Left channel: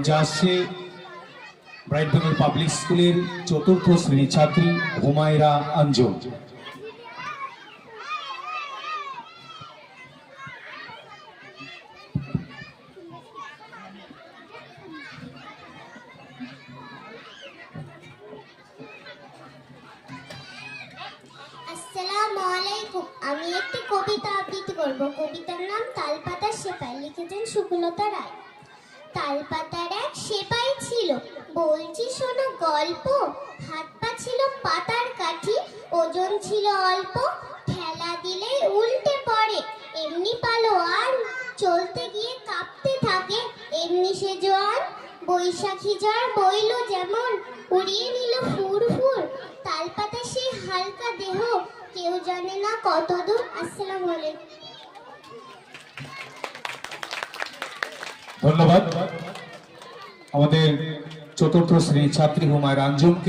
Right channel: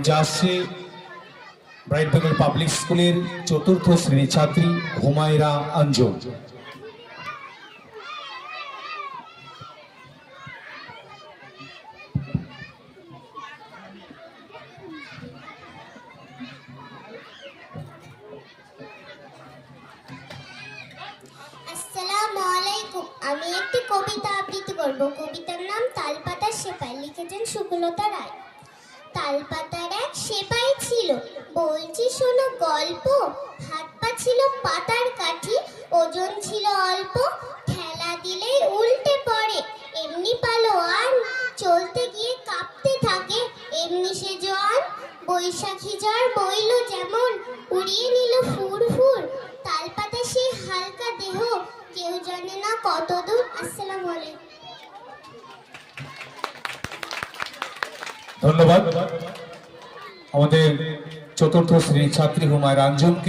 মঞ্চে আসছে ব্রাইটবেঙ্গল পাবলিক স্কুলের চতুর্থ শ্রেণির ছাত্রী হুমায়রা আলাইকুম। আমি একটি কবিতা আবৃত্তি করব। কবিতার নাম তালপাতা সেপাই। লিখেছেন সুকুলতা রায়। তালপাতার এক সেপাই ছিল। বলছি, শোনো গল্প। হাত পা ছিল পাতার কাঠি, ওজন ছিল অল্প। ঠেলা দিলেই উল্টে পড়ে। এমনি পালো আর চলতে গিয়ে কাঁপতে থাকে। এমনি সে জন বৈশাখী জ্বর বইল যেমন, উড়িয়ে নিল ফুর ফুর। তালপাতা সেই হালকা দেহ, কেউ জানে না কত দূর আসসালামু আলাইকুম। ধন্যবাদ। আমাদের চতুর্থ শ্রেণির ছাত্রী হুমায় আঞ্জুমকে